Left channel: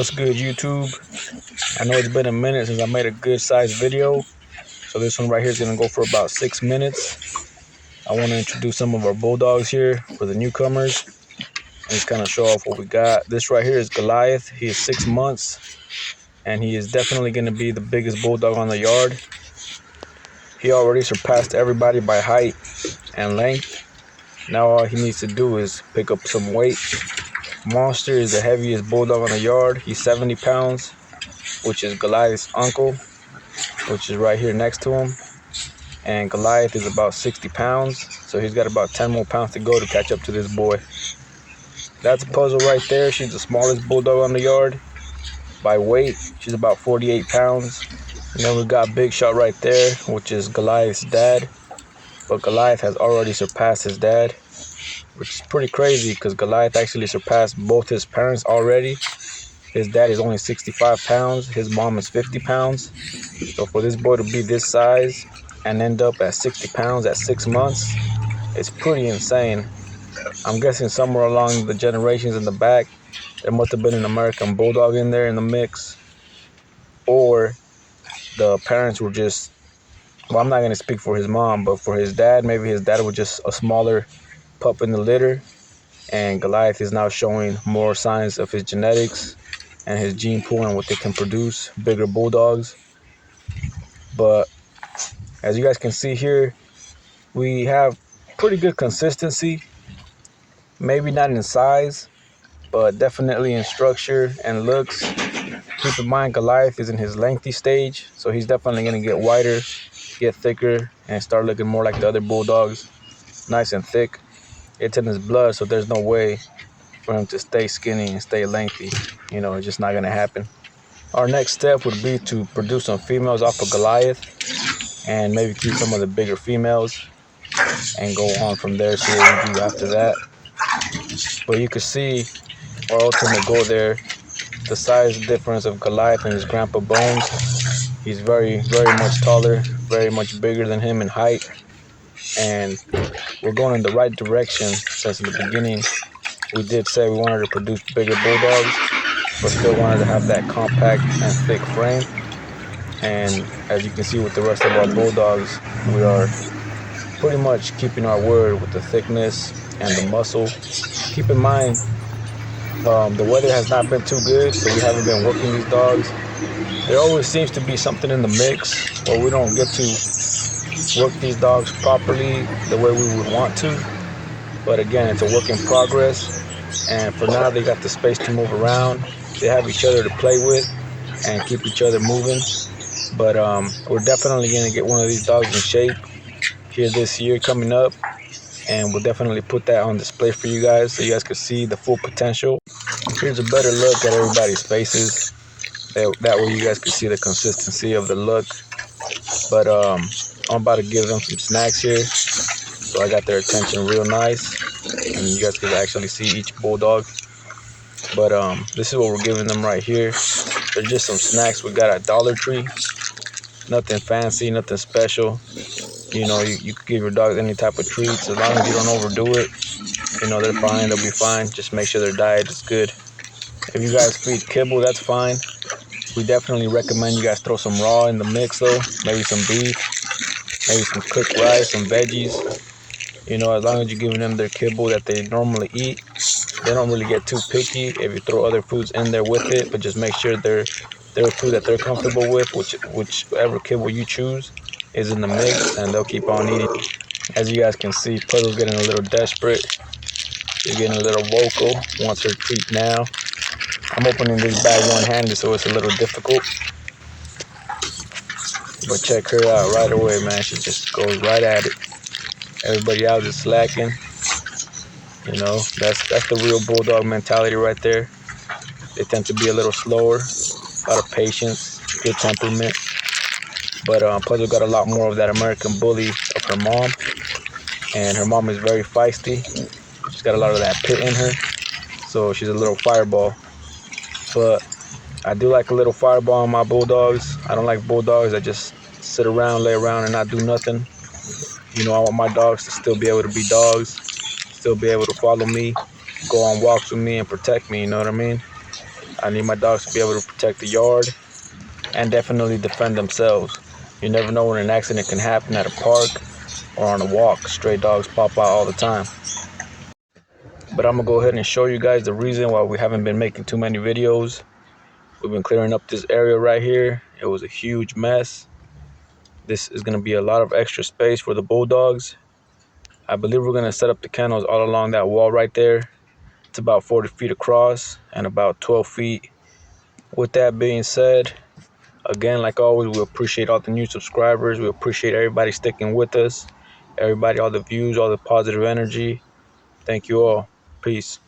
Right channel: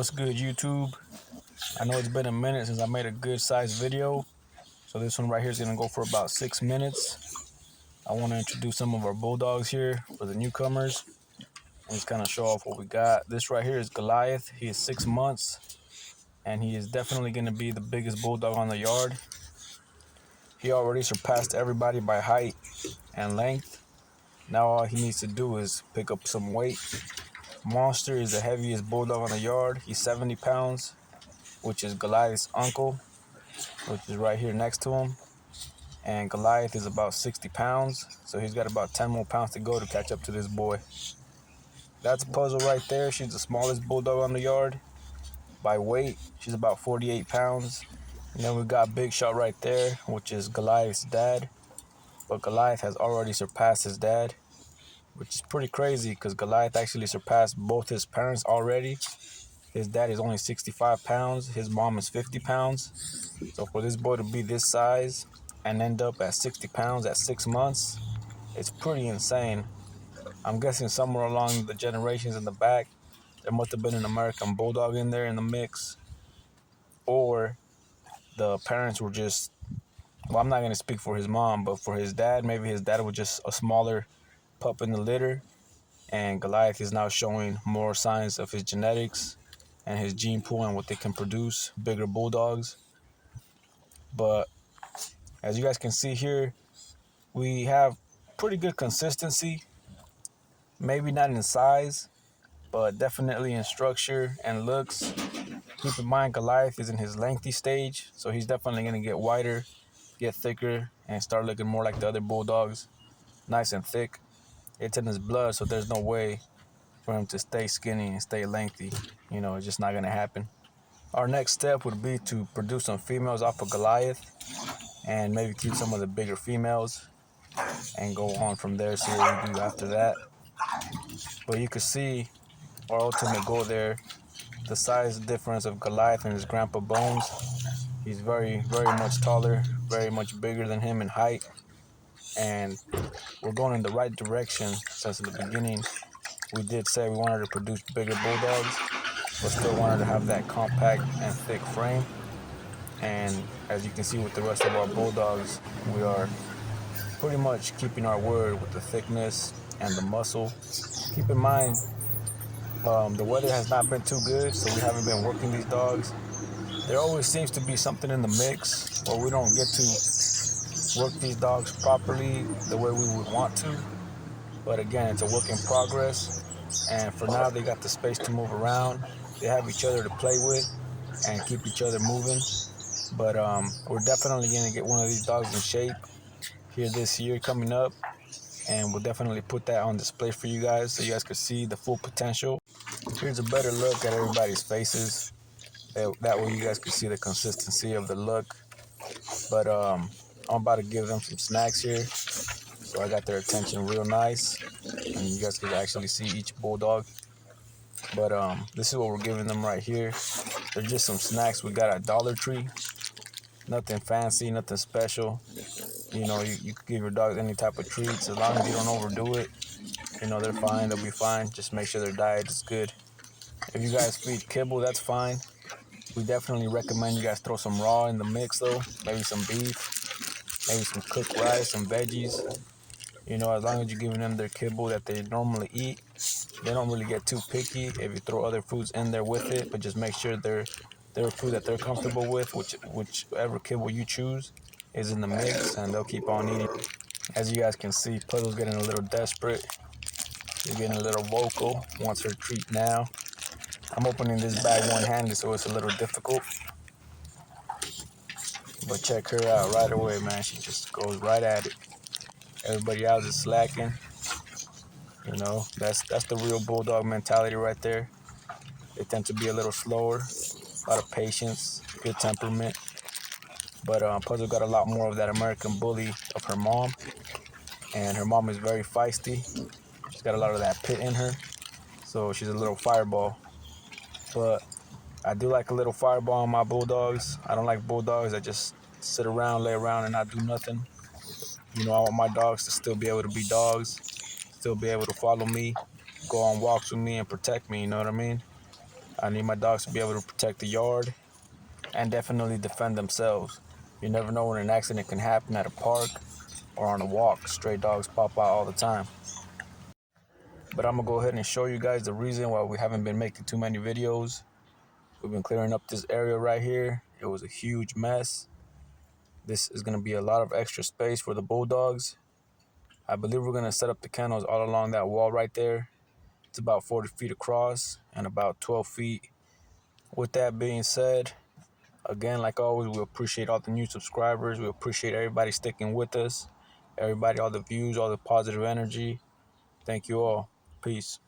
What's good, YouTube? I know it's been a minute since I made a good sized video, so this one right here is gonna go for about 6 minutes. I want to introduce some of our bulldogs here for the newcomers and just kind of show off what we got. This right here is Goliath. He is 6 months and he is definitely gonna be the biggest bulldog on the yard. He already surpassed everybody by height and length. Now all he needs to do is pick up some weight. Monster is the heaviest bulldog on the yard. He's 70 pounds, which is Goliath's uncle, which is right here next to him. And Goliath is about 60 pounds, so he's got about 10 more pounds to go to catch up to this boy. That's Puzzle right there. She's the smallest bulldog on the yard. By weight, she's about 48 pounds. And then we got Big Shot right there, which is Goliath's dad. But Goliath has already surpassed his dad, which is pretty crazy because Goliath actually surpassed both his parents already. His dad is only 65 pounds. His mom is 50 pounds. So for this boy to be this size and end up at 60 pounds at 6 months, it's pretty insane. I'm guessing somewhere along the generations in the back, there must have been an American Bulldog in there in the mix. Or the parents were just, well, I'm not going to speak for his mom, but for his dad, maybe his dad was just a smaller pup in the litter. And Goliath is now showing more signs of his genetics and his gene pool and what they can produce, bigger bulldogs. But as you guys can see here, we have pretty good consistency. Maybe not in size, but definitely in structure and looks. Keep in mind, Goliath is in his lengthy stage, so he's definitely going to get wider, get thicker, and start looking more like the other bulldogs, nice and thick. It's in his blood, so there's no way for him to stay skinny and stay lengthy. You know, it's just not going to happen. Our next step would be to produce some females off of Goliath and maybe keep some of the bigger females and go on from there, see what we do after that. But you can see our ultimate goal there, the size difference of Goliath and his grandpa Bones. He's very, very much taller, very much bigger than him in height. And we're going in the right direction since in the beginning we did say we wanted to produce bigger bulldogs, but still wanted to have that compact and thick frame. And as you can see with the rest of our bulldogs, we are pretty much keeping our word with the thickness and the muscle. Keep in mind, the weather has not been too good, so we haven't been working these dogs. There always seems to be something in the mix where we don't get to work these dogs properly the way we would want to. But again, it's a work in progress, and for now they got the space to move around. They have each other to play with and keep each other moving. But we're definitely going to get one of these dogs in shape here this year coming up, and we'll definitely put that on display for you guys so you guys can see the full potential. Here's a better look at everybody's faces. That way you guys can see the consistency of the look. But I'm about to give them some snacks here, so I got their attention real nice, and you guys can actually see each bulldog. But this is what we're giving them right here. They're just some snacks we got at Dollar Tree. Nothing fancy, nothing special. You know, you could give your dogs any type of treats as long as you don't overdo it. You know, they're fine, they'll be fine. Just make sure their diet is good. If you guys feed kibble, that's fine. We definitely recommend you guys throw some raw in the mix though. Maybe some beef, maybe some cooked rice, some veggies. You know, as long as you're giving them their kibble that they normally eat, they don't really get too picky if you throw other foods in there with it, but just make sure they're food that they're comfortable with, whichever kibble you choose is in the mix, and they'll keep on eating. As you guys can see, Puzzle's getting a little desperate. She's getting a little vocal, wants her treat now. I'm opening this bag one-handed, so it's a little difficult. But check her out right away, man. She just goes right at it. Everybody else is slacking. You know, that's the real bulldog mentality right there. They tend to be a little slower, a lot of patience, good temperament. But Puzzle got a lot more of that American bully of her mom. And her mom is very feisty. She's got a lot of that pit in her. So she's a little fireball. But I do like a little fireball in my bulldogs. I don't like bulldogs that just sit around, lay around, and not do nothing. You know, I want my dogs to still be able to be dogs, still be able to follow me, go on walks with me, and protect me, you know what I mean? I need my dogs to be able to protect the yard and definitely defend themselves. You never know when an accident can happen at a park or on a walk. Stray dogs pop out all the time. But I'm gonna go ahead and show you guys the reason why we haven't been making too many videos. We've been clearing up this area right here. It was a huge mess. This is gonna be a lot of extra space for the bulldogs. I believe we're gonna set up the kennels all along that wall right there. It's about 40 feet across and about 12 feet. With that being said, again, like always, we appreciate all the new subscribers. We appreciate everybody sticking with us. Everybody, all the views, all the positive energy. Thank you all. Peace.